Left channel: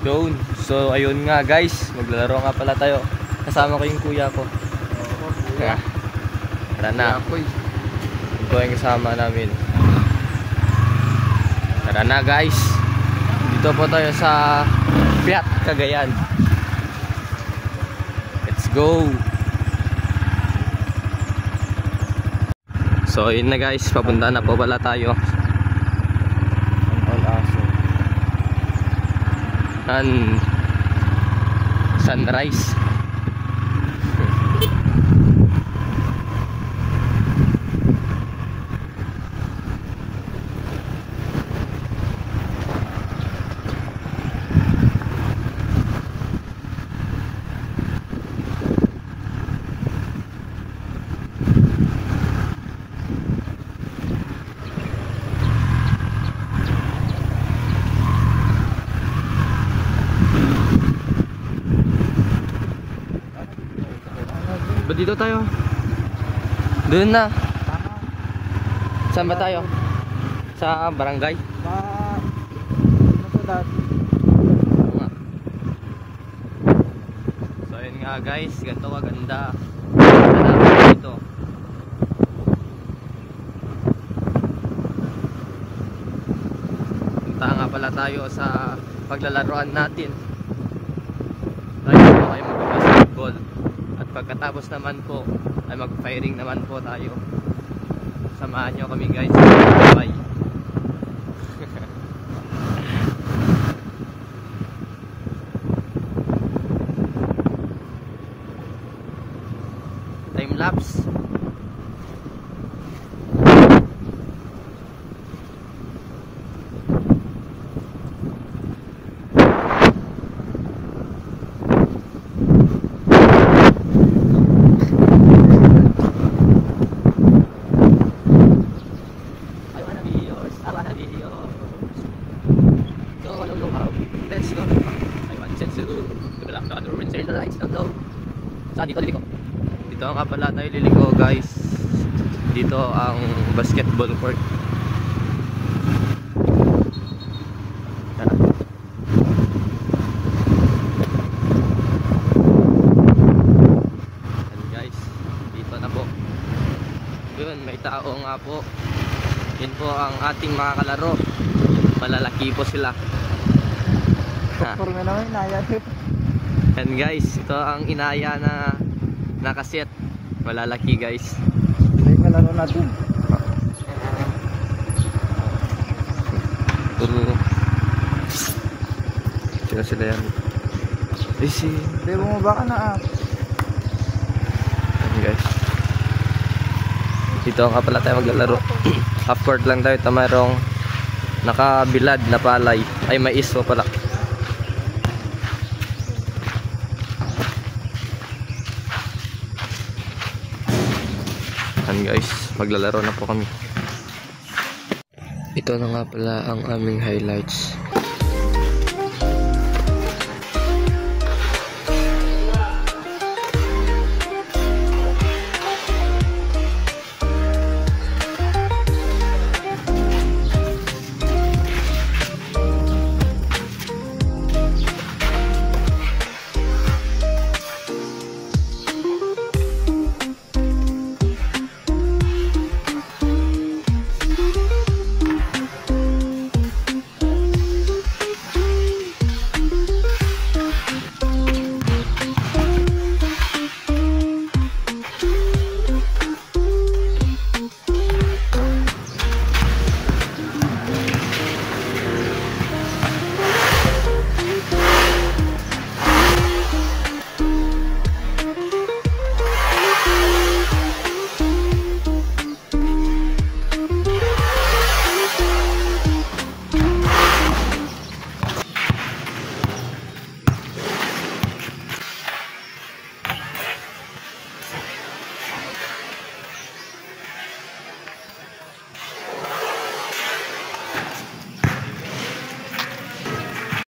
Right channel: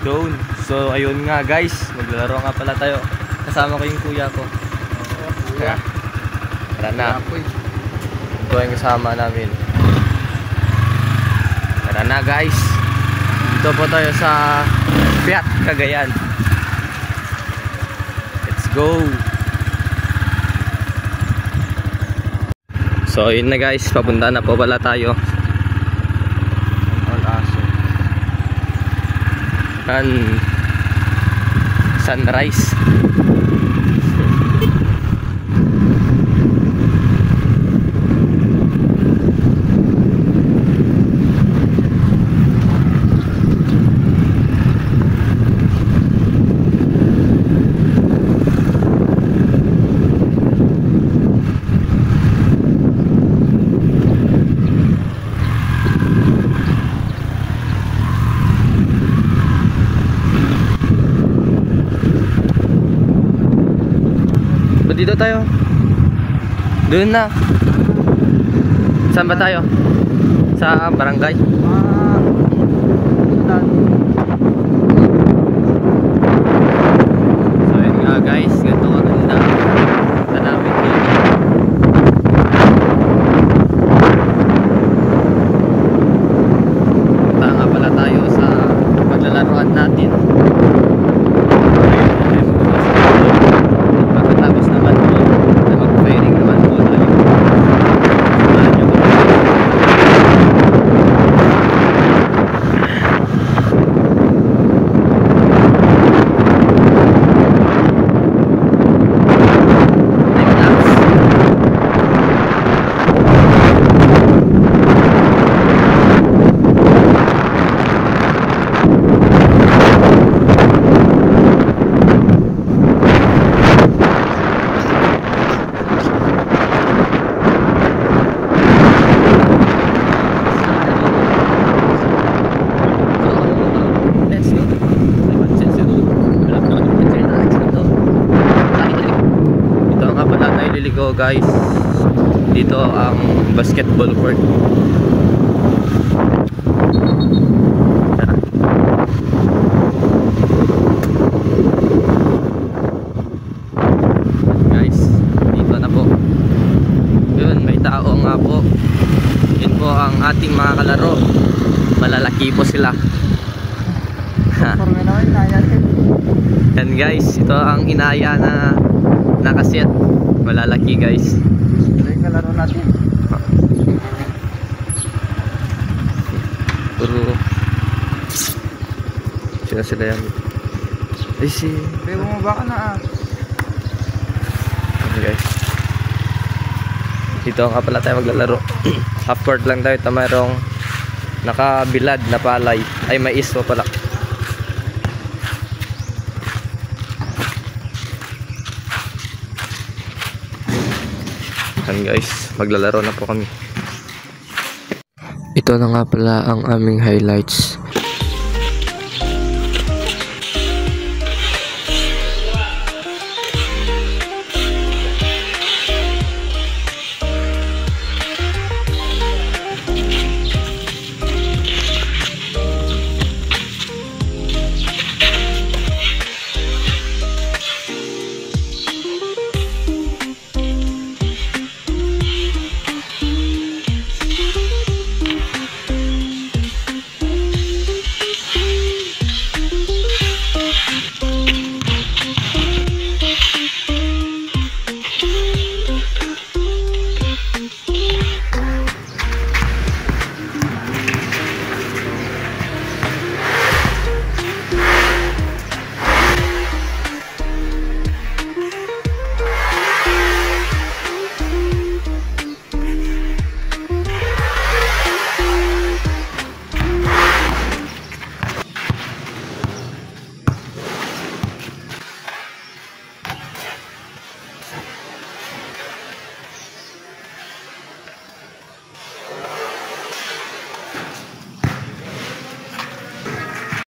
Doon. So ayun nga guys, maglalaro nga pala tayo. Kasama ko yung kuya ko. Oo, kuya. Tara na. Ito yung kasama namin. Tara na guys. Dito po tayo sa Piat, Cagayan. Let's go. So yun na guys, papunta na po pala tayo. Ang aso. Sunrise. Dito tayo. Doon na. Saan ba tayo? Sa barangay? So yun nga guys, ganito maganda. Punta nga pala tayo sa paglalaroan natin. Tapos naman po na mag-firing naman po tayo. Liliko guys, dito ang basketball court. Guys, dito na po. Yun, may tao nga po. Yun po ang ating mga kalaro. Malalaki po sila. Yan guys, ito ang inaya na nakaset. Malalaki guys. Ito yung kalaro natin. Puro sila yan. Ay si Pero bumaba ka na guys. Dito nga pala tayo maglalaro. Half court lang tayo. Tamarong nakabilad na palay. Ay mais po pala. Guys, maglalaro na po kami. Ito na nga pala ang aming highlights.